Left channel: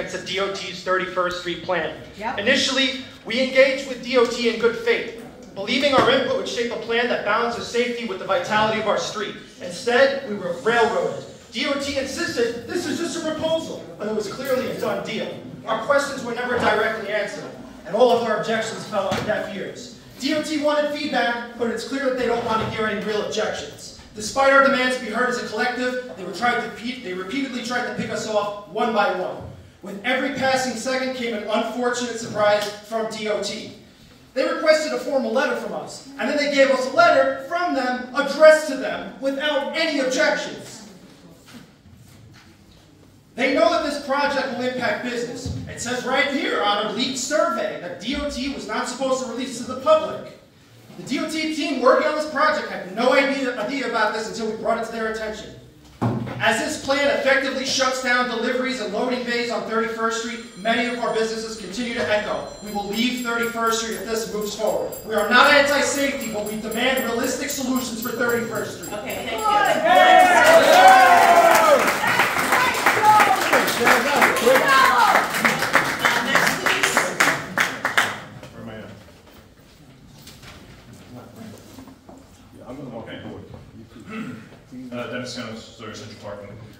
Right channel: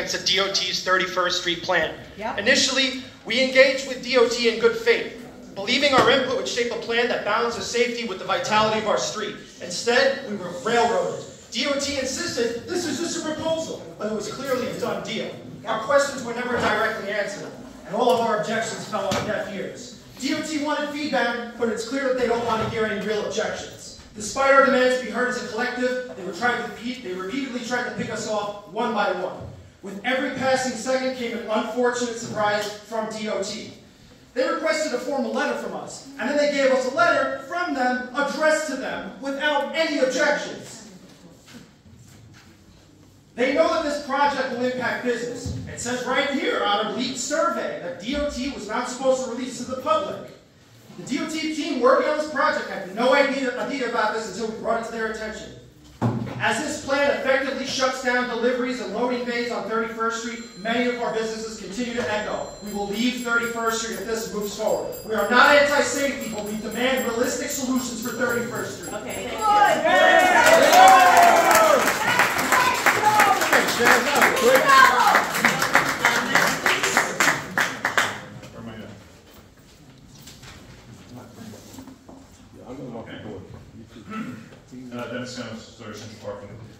against the DOT's 31st Street plan. Yep. Initially, we engaged with DOT in good faith, believing our input would shape a plan that balances safety with the vitality of our street. Instead, we were railroaded. DOT insisted this was just a proposal, but it was clearly a done deal. Our questions were never directly answered, and all of our objections fell on deaf ears. DOT wanted feedback, but it's clear that they don't want to hear any real objections. Despite our demands to be heard as a collective, they repeatedly tried to pick us off one by one. With every passing second came an unfortunate surprise from DOT. They requested a formal letter from us, and then they gave us a letter from them addressed to them without any objections. They know that this project will impact business. It says right here on a leaked survey that DOT was not supposed to release to the public. The DOT team working on this project had no idea about this until we brought it to their attention. As this plan effectively shuts down deliveries and loading bays on 31st Street, many of our businesses continue to echo, we will leave 31st Street if this moves forward. We are not anti-safety, but we demand realistic solutions for 31st Street. Okay, thank you.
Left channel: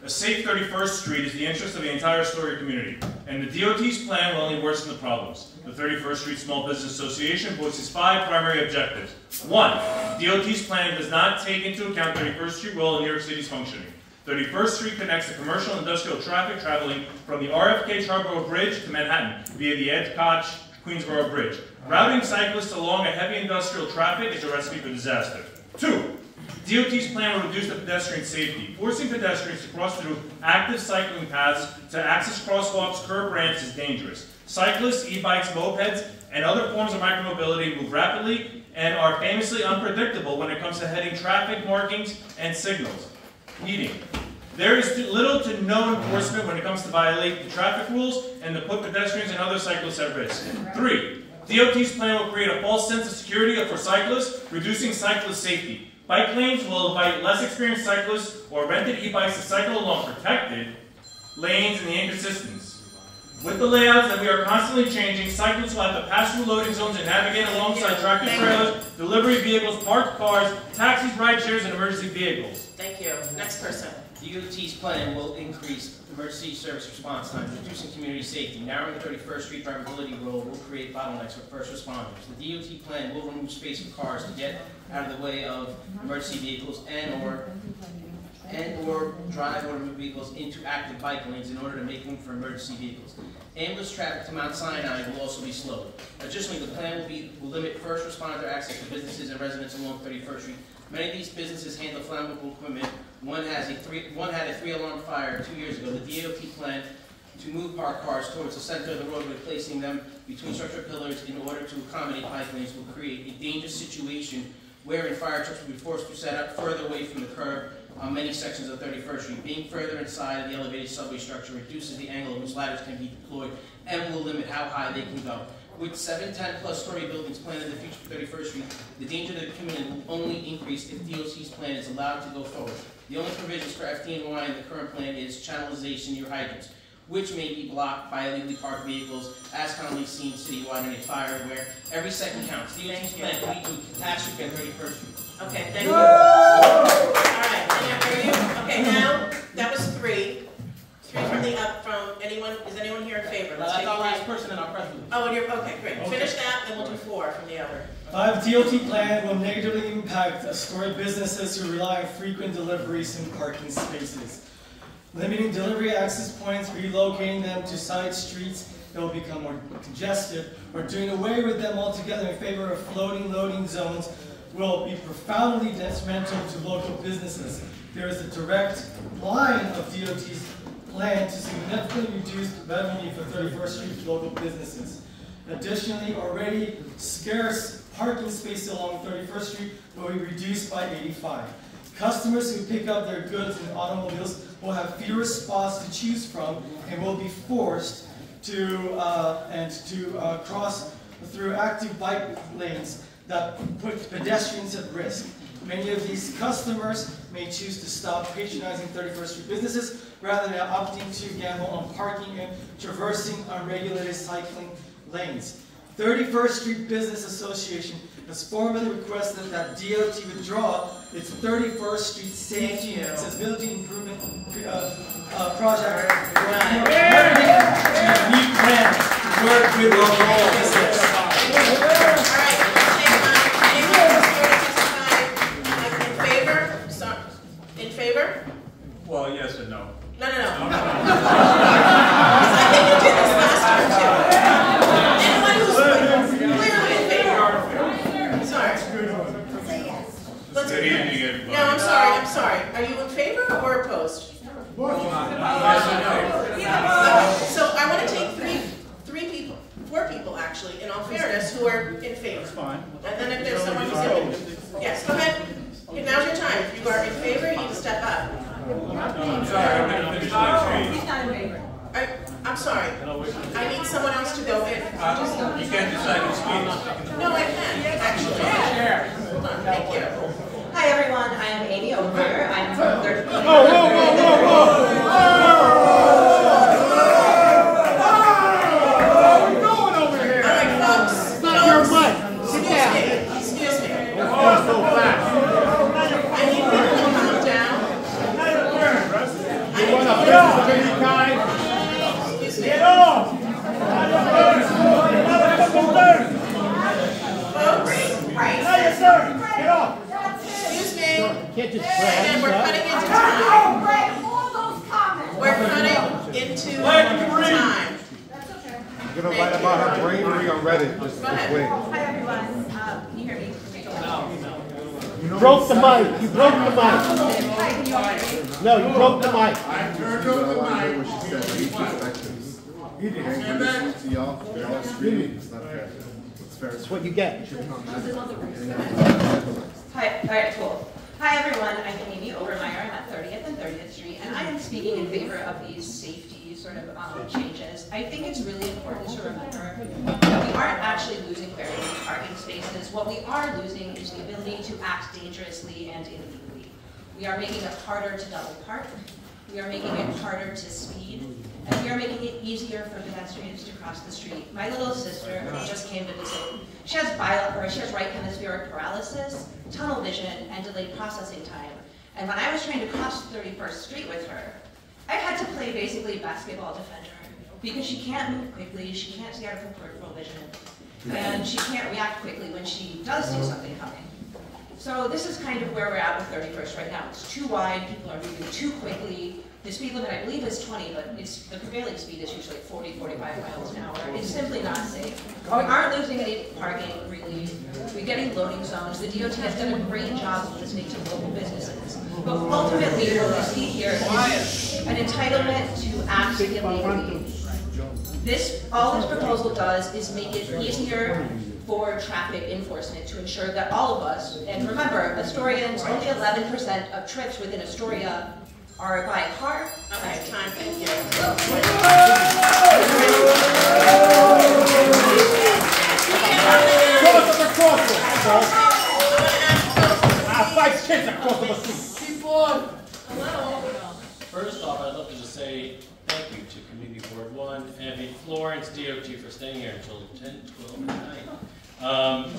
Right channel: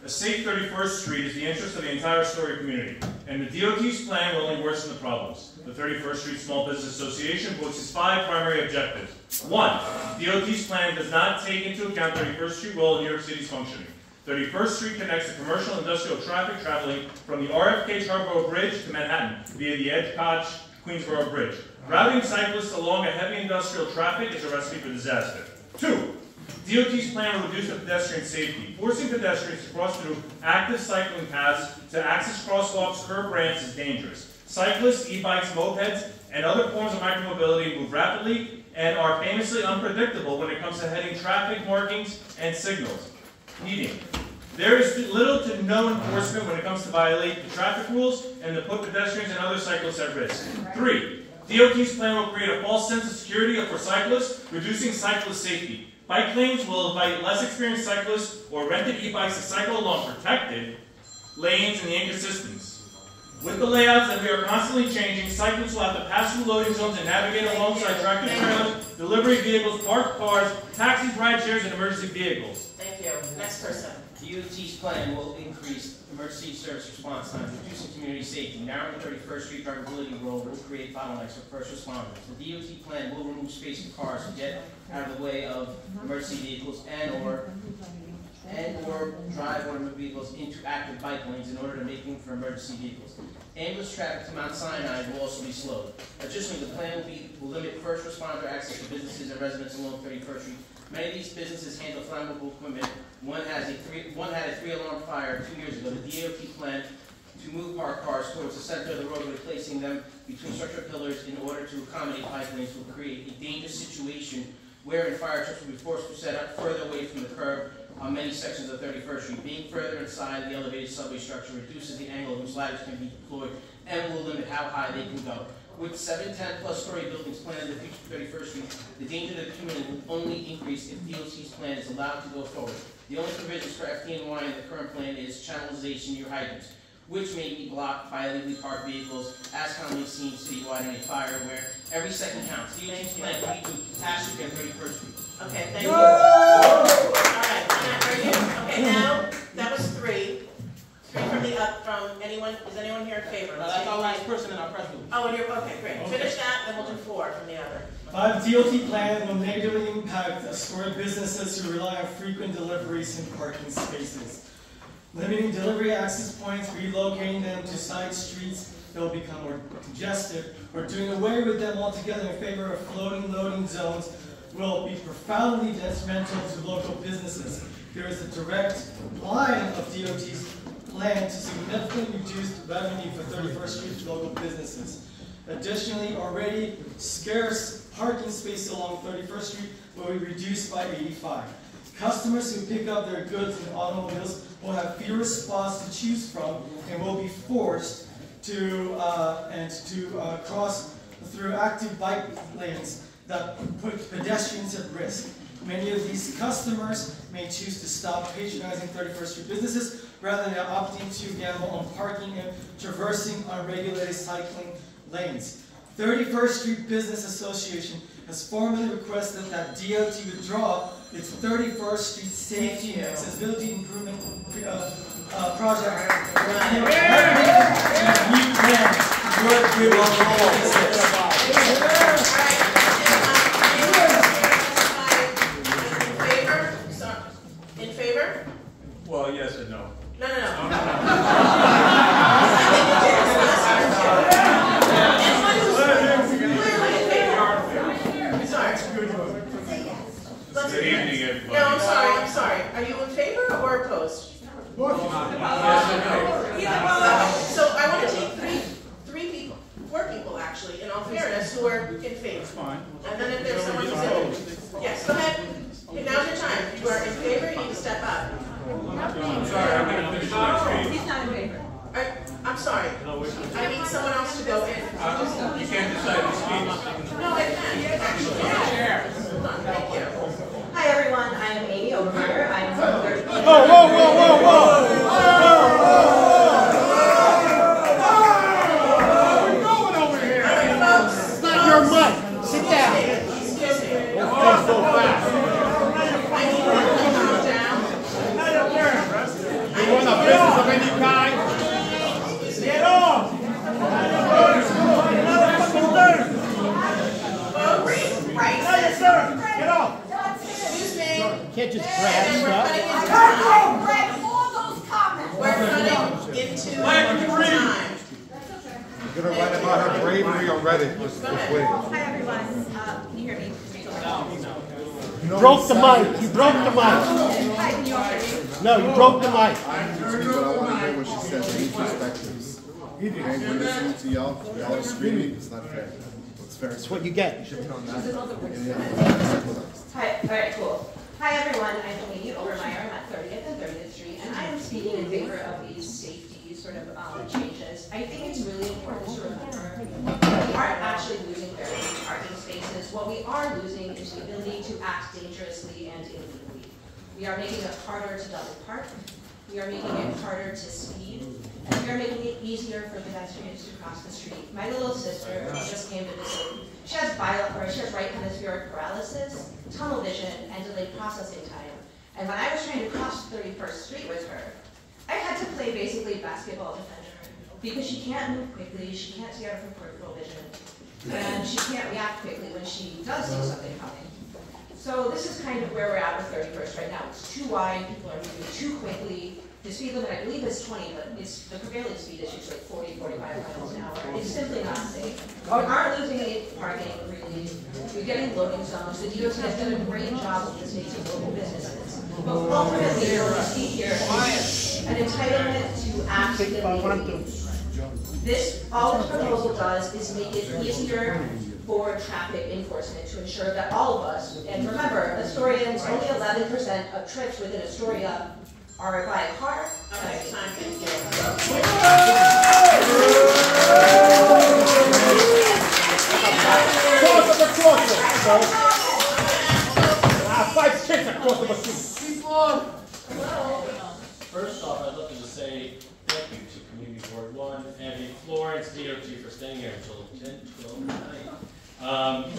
A safe 31st Street is the interest of the entire Astoria community, and the DOT's plan will only worsen the problems. The 31st Street Small Business Association voices 5 primary objectives. 1. DOT's plan does not take into account 31st Street role in New York City's functioning. 31st Street connects the commercial and industrial traffic traveling from the RFK Charborough Bridge to Manhattan via the Ed Koch Queensboro Bridge. Routing cyclists along a heavy industrial traffic is a recipe for disaster. 2. DOT's plan will reduce the pedestrian safety. Forcing pedestrians to cross through active cycling paths to access crosswalks, curb ramps is dangerous. Cyclists, e-bikes, mopeds, and other forms of micromobility move rapidly and are famously unpredictable when it comes to heading traffic markings and signals. Heeding. There is little to no enforcement when it comes to violate the traffic rules and to put pedestrians and other cyclists at risk. 3. DOT's plan will create a false sense of security for cyclists, reducing cyclist safety. Bike lanes will invite less experienced cyclists or rented e-bikes to cycle along protected lanes and the inconsistence. With the layouts that we are constantly changing, cyclists will have to pass through loading zones and navigate alongside tractor trailers, delivery vehicles, parked cars, taxis, ride shares, and emergency vehicles. Thank you. Next person. DOT's plan will increase emergency service response times, reducing community safety. Narrowing 31st Street drivability road will create bottlenecks for first responders. The DOT plan will remove space for cars to get out of the way of emergency vehicles and or drive or move vehicles into active bike lanes in order to make room for emergency vehicles. Ambulance traffic to Mount Sinai will also be slowed. Additionally, the plan will limit first responder access to businesses and residents along 31st Street. Many of these businesses handle flammable equipment. One had a 3-alarm fire 2 years ago. The DOT planned to move parked cars towards the center of the roadway, placing them between structural pillars in order to accommodate bike lanes will create a dangerous situation wherein fire trucks will be forced to set up further away from the curb on many sections of 31st Street. Being further inside the elevated subway structure reduces the angle at which ladders can be deployed and will limit how high they can go. With 7 10-plus story buildings planned in the future for 31st Street, the danger to the community will only increase if DOT's plan is allowed to go forward. The only provisions for FT&Y in the current plan is channelization near hydrants, which may be blocked by illegally parked vehicles, as commonly seen citywide in a fire where every second counts. DOT's plan will lead to catastrophe on 31st Street. Okay, thank you. All right, okay, now, that was 3. 3 from anyone. Is anyone here in favor? That's our last person in our press room. Oh, and you're, okay, great. Okay. Finish that, and we'll do 4 from the other. The DOT plan will negatively impact Astoria businesses who rely on frequent deliveries and parking spaces. Limiting delivery access points, relocating them to side streets that will become more congested, or doing away with them altogether in favor of floating loading zones will be profoundly detrimental to local businesses. There is a direct line of DOT's plan to significantly reduce revenue for 31st Street local businesses. Additionally, already scarce parking spaces along 31st Street will be reduced by 85. Customers who pick up their goods in automobiles will have fewer spots to choose from and will be forced to cross through active bike lanes that put pedestrians at risk. Many of these customers may choose to stop patronizing 31st Street businesses rather than opting to gamble on parking and traversing unregulated cycling lanes. 31st Street Business Association has formally requested that DOT withdraw its 31st Street Safety and Accessibility Improvement Project new plans to work with local business. In favor? Well, yes and no. No. I think you did this last year too. Anyone who's clearly in favor? Sorry. Let's Good evening, everybody. No, I'm sorry. Are you in favor or opposed? So I want to take four people actually, in all fairness, who are in favor. Fine. And then if there's someone who's in, yes, go ahead. Now's your time. If you are in favor, you can step up. I'm sorry, I'm not He's not in favor. I'm sorry. I need someone else to go in. You can't decide this case. No, I can't, actually. Hold on, thank you. Hi everyone, I am Amy Overmeyer. I am from 30. Can't just and we're cutting into time. We're cutting into time. I'm going to write about her bravery on Reddit. Just wait. Hi everyone. Can you hear me? You broke the mic. You broke the mic. Hi, can you all hear me? No, you broke the mic. I want to hear what she said. Eight perspectives. And when listening to y'all screaming, it's not fair. It's fair. That's what you get. Hi, alright, cool. Hi everyone, I'm Amy Overmeyer. I'm at 30th and 30th Street, and I am speaking in favor of these safety sort of changes. I think it's really important to remember that we aren't actually losing very many parking spaces. What we are losing is the ability to act dangerously and illegally. We are making it harder to double park. We are making it harder to speed. And we are making it easier for pedestrians to cross the street. My little sister just came to visit. She has right hemispheric paralysis, tunnel vision, and delayed processing time. And when I was trying to cross 31st Street with her, I had to play basically basketball defender because she can't move quickly, she can't see out of her peripheral vision, and she can't react quickly when she does see something coming. So this is kind of where we're at with 31st right now. It's too wide, people are moving too quickly. The speed limit, I believe, is 20, but the prevailing speed is usually 40, 45 miles an hour. It's simply not safe. We aren't losing any parking, really. We're getting loading zones. The DOT has done a great job of listening to local businesses. But ultimately, what we see here is an entitlement to act illegally. All this proposal does is make it easier for traffic enforcement to ensure that all of us, and remember, Astorians, only 11% of trips within Astoria are by a car. Okay, time, thank you. Five kids across the street. First off, I'd love to just say thank you to Community Board 1, Abby, Florence, DOT for staying here until 10, 12 at night.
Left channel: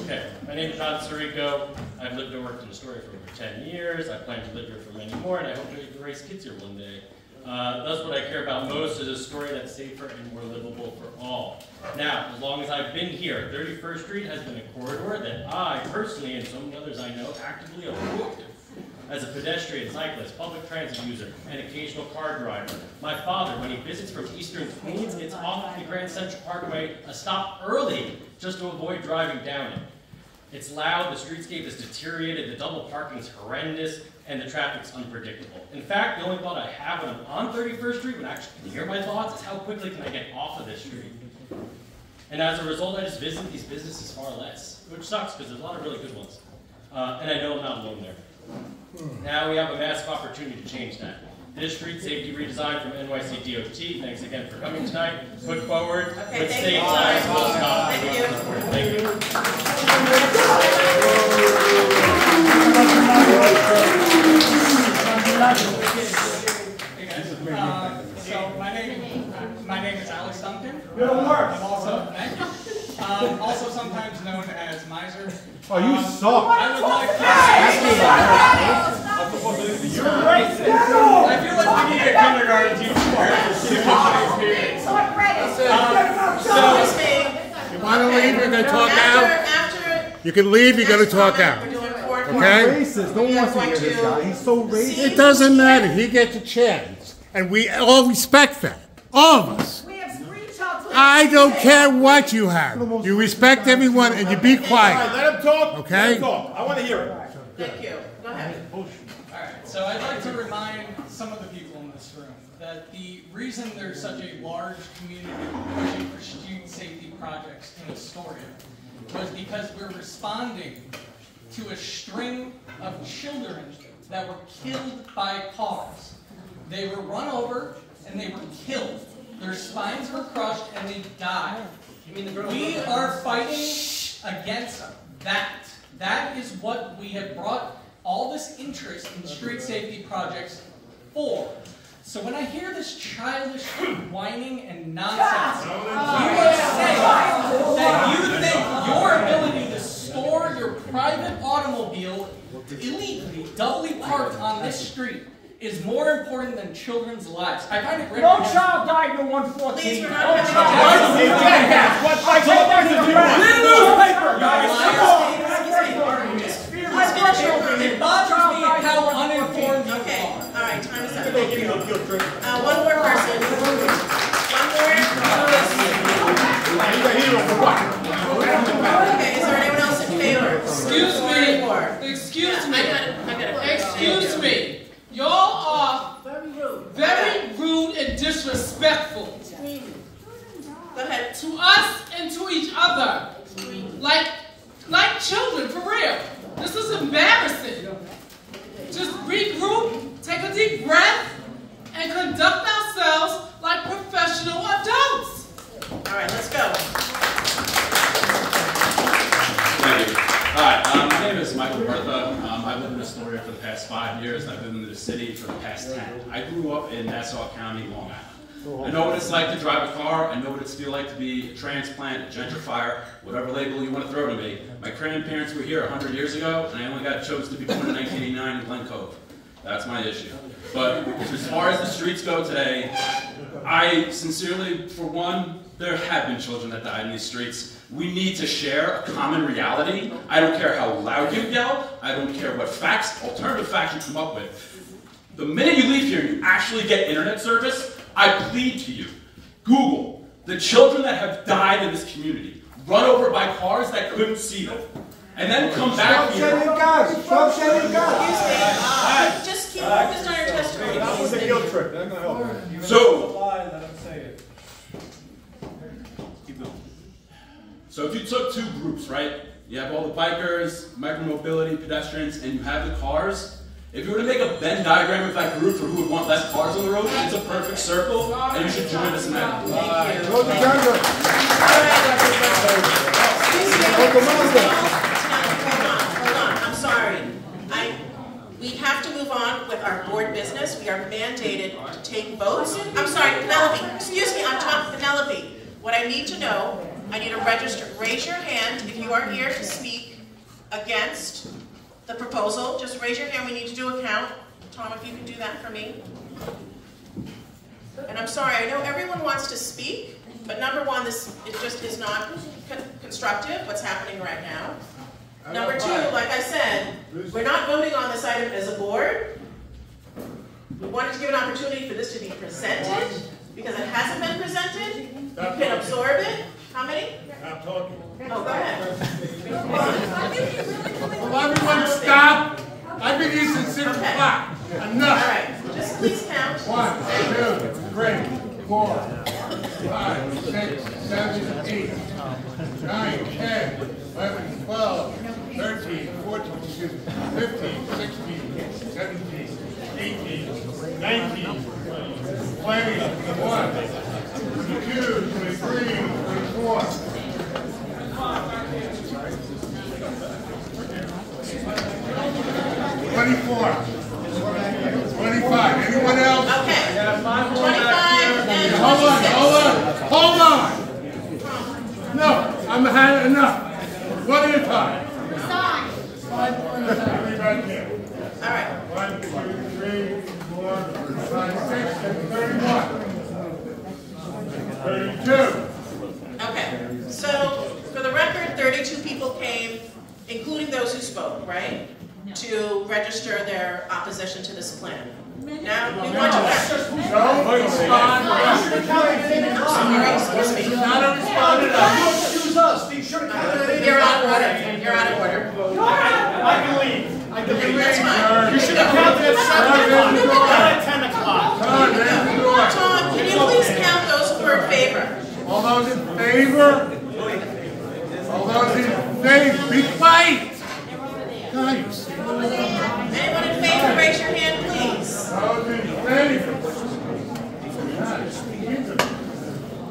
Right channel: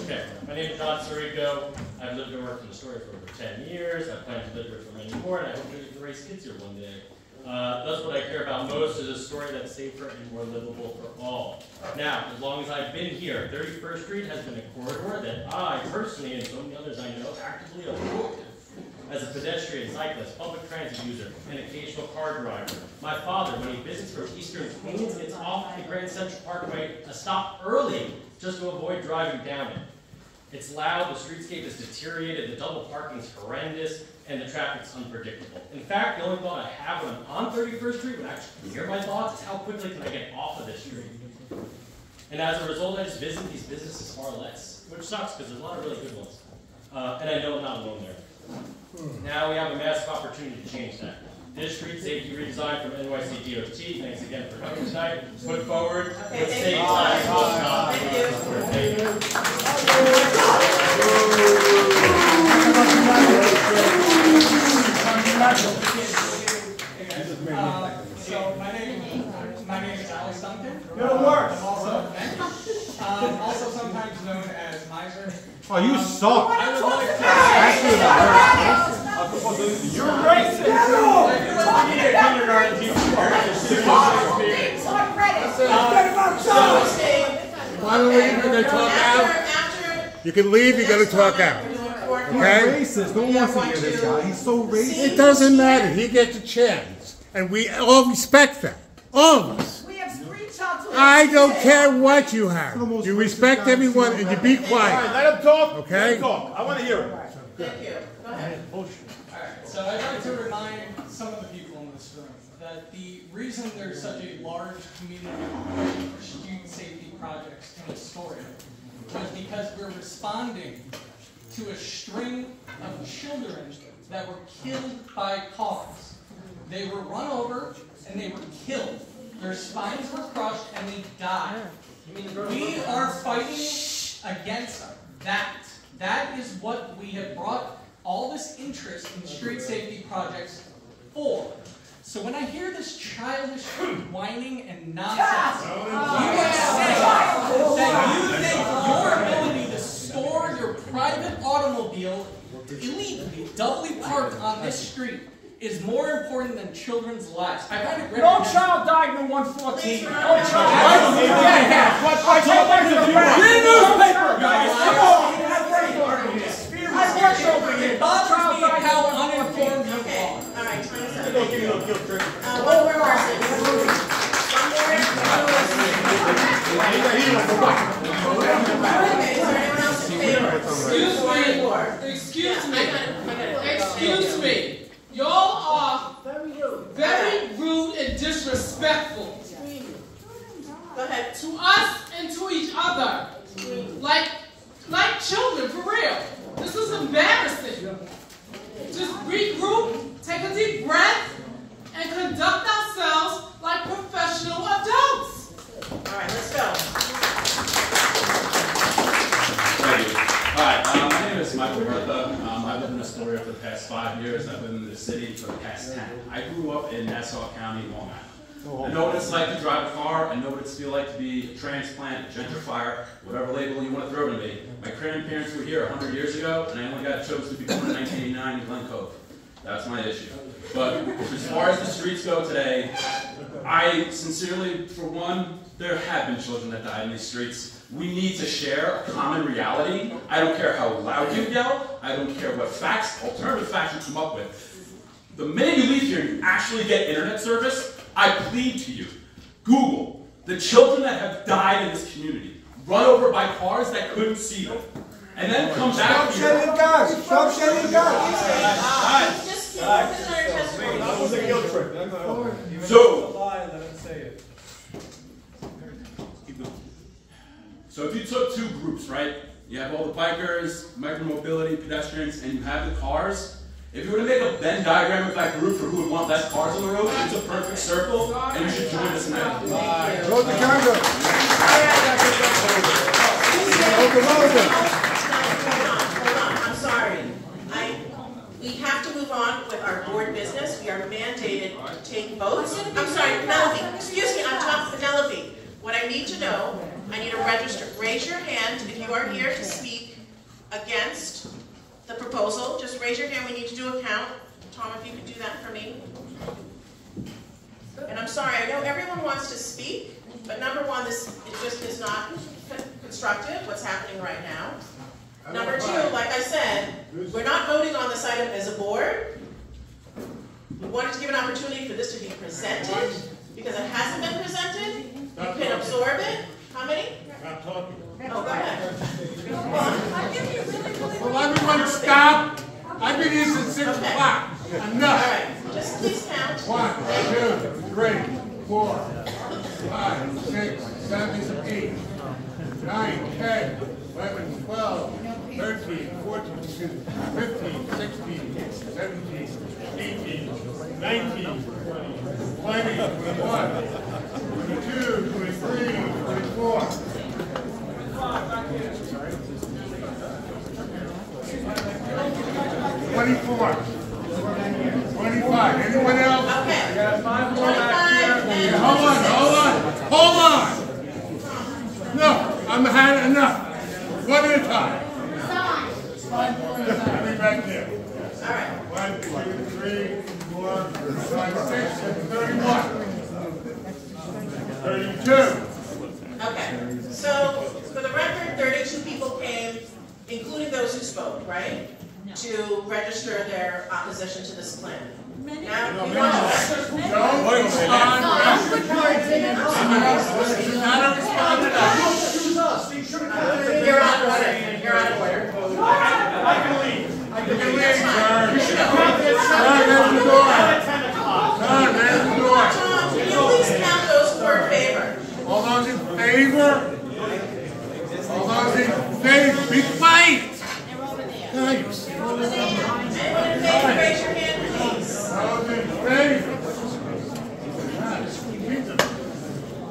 Okay, my name is John Sirico. I've lived and worked in Astoria for over 10 years. I plan to live here for many more, and I hope to raise kids here one day. That's what I care about most, is a story that's safer and more livable for all. Now, as long as I've been here, 31st Street has been a corridor that I personally, and so many others I know, actively avoid. As a pedestrian, cyclist, public transit user, and occasional car driver. My father, when he visits from eastern Queens, gets off the Grand Central Parkway a stop early just to avoid driving down it. It's loud, the streetscape is deteriorated, the double parking is horrendous, and the traffic's unpredictable. In fact, the only thought I have when I'm on 31st Street, when I actually hear my thoughts, is how quickly can I get off of this street? And as a result, I just visit these businesses far less, which sucks because there's a lot of really good ones. And I know I'm not alone there. Now we have a massive opportunity to change that. This street safety redesign from NYC DOT, thanks again for coming tonight, put forward, with state flags, will stop. Thank you. You just made me You're the worst. Also sometimes known as miser. Oh, you suck. I would like to You're racist. I feel like we need a kindergarten teacher. You want to leave? You're going to talk out? You can leave. You're going to talk out. Okay? Racist. No one wants to hear this guy. He's so racist. It doesn't matter. He gets a chance. And we all respect that. All of us. I don't care what you have. You respect everyone and you be quiet. Let him talk. Okay? Let him talk. I want to hear it. Thank you. Go ahead. Alright, so I'd like to remind some of the people in this room that the reason there's such a large community pushing for student safety projects in Astoria was because we're responding to a string of children that were killed by cars. They were run over and they were killed. Their spines were crushed and they died. We are fighting against that. That is what we have brought all this interest in street safety projects for. So when I hear this childish whining and nonsense, you are saying that you think your ability to store your private automobile illegally, doubly parked on this street, is more important than children's lives. I find it great. No child died in 114. Please, we're not No child. What fight you want? It bothers me how uninformed you are. All right, time is up. Give me a little guilt trip. One more person. Okay, is there anyone else in favor? Excuse me. Y'all are very rude and disrespectful. Go ahead. To us and to each other. Like children, for real. This is embarrassing. Just regroup, take a deep breath, and conduct ourselves like professional adults. All right, let's go. Thank you. Hi, my name is Michael Bertha. I've lived in Astoria for the past 5 years. I've lived in the city for the past 10. I grew up in Nassau County, Long Island. I know what it's like to drive a car. I know what it's feel like to be a transplant, a gentrifier, whatever label you want to throw to me. My grandparents were here 100 years ago, and I only got chose to be born in 1989 in Glen Cove. That's my issue. But as far as the streets go today, I sincerely, for one, there have been children that died in these streets. We need to share a common reality. I don't care how loud you yell. I don't care what facts, alternative facts you come up with. The minute you leave here and you actually get internet service, I plead to you, Google the children that have died in this community, run over by cars that couldn't see them, and then come back here. Stop shedding gas. Just keep focused on your testimony. That was a guilt trip. That's not helpful. So, Let him say it. So if you took two groups, right? You have all the bikers, micromobility, pedestrians, and you have the cars. If you were to make a Venn diagram of that group for who would want less cars on the road, it's a perfect circle, and you should join us in that. Go to Canada. Hold on. I'm sorry. We have to move on with our board business. We are mandated to take votes. I'm sorry, Penelope. Excuse me, I'm talking Penelope. What I need to know, I need to register. Raise your hand if you are here to speak against the proposal. Just raise your hand. We need to do a count. Tom, if you can do that for me. And I'm sorry, I know everyone wants to speak, but number one, it just is not constructive, what's happening right now. Number two, like I said, we're not voting on this item as a board. We wanted to give an opportunity for this to be presented, because it hasn't been presented. You can absorb it. How many? Stop talking. Oh, go ahead. Well, everyone stop. I've been here since 6 o'clock. Enough. All right. Just please count. 1, 2, 3, 4, 5, 6, 7, 8, 9, 10, 11, 12, 13, 14, 15, 16, 17, 18, 19, 20, 21, 22, 23, 24. 24. 25. Anyone else? Okay. 25. Hold on. No, I'm had enough. One at a time. Everybody right there. All right. 1, 2, 3, 4, 5, 6, 31. 32. Okay. So, for the record, 32 people came, including those who spoke, right? To register their opposition to this plan. Now, we want to... Don't respond. This is not a response. You're out of order. You're out of order. I can leave. I can leave, That's fine. sir. You should have counted at 10 o'clock. There's the door. Tom, can you please count those who are in favor? All those in favor? All those in favor? Be quiet. Guys. Anyone in favor, raise your hand, please. Those in favor?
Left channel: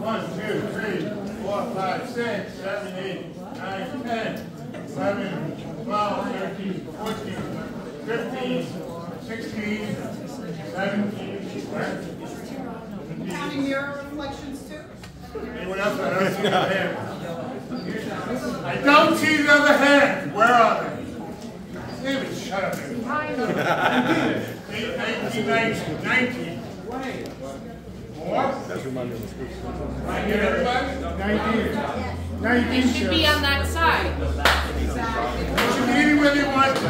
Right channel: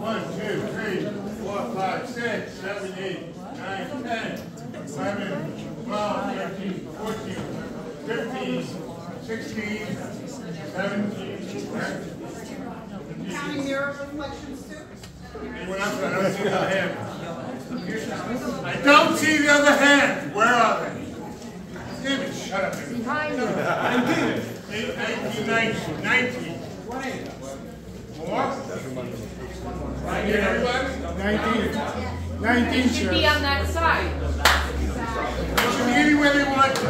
1, 2, 3, 4, 5, 6, 7, 8, 9, 10, 11, 12, 13, 14, 15, 16, 17, 18. Counting your reflections too? Anyone else? I don't see the other hand. I don't see the other hand. Where are they? Damn it, shut up. 19. More? Right here, everybody? 19, should be on that side. They should be anywhere they want to.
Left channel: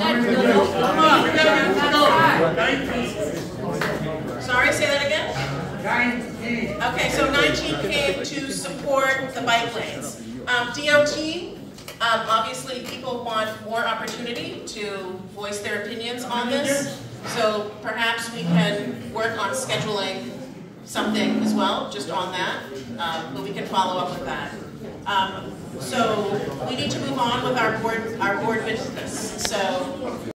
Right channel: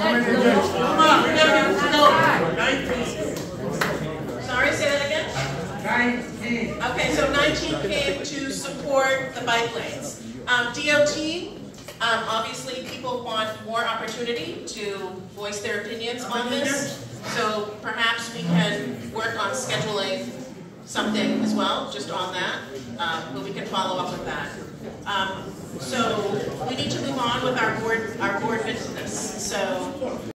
Come on, we gotta get this going. 19. Sorry, say that again? 19. Okay, so 19 came to support the bike lanes. DOT, obviously people want more opportunity to voice their opinions on this. So perhaps we can work on scheduling something as well, just on that, but we can follow up with that. So we need to move on with our board business. So.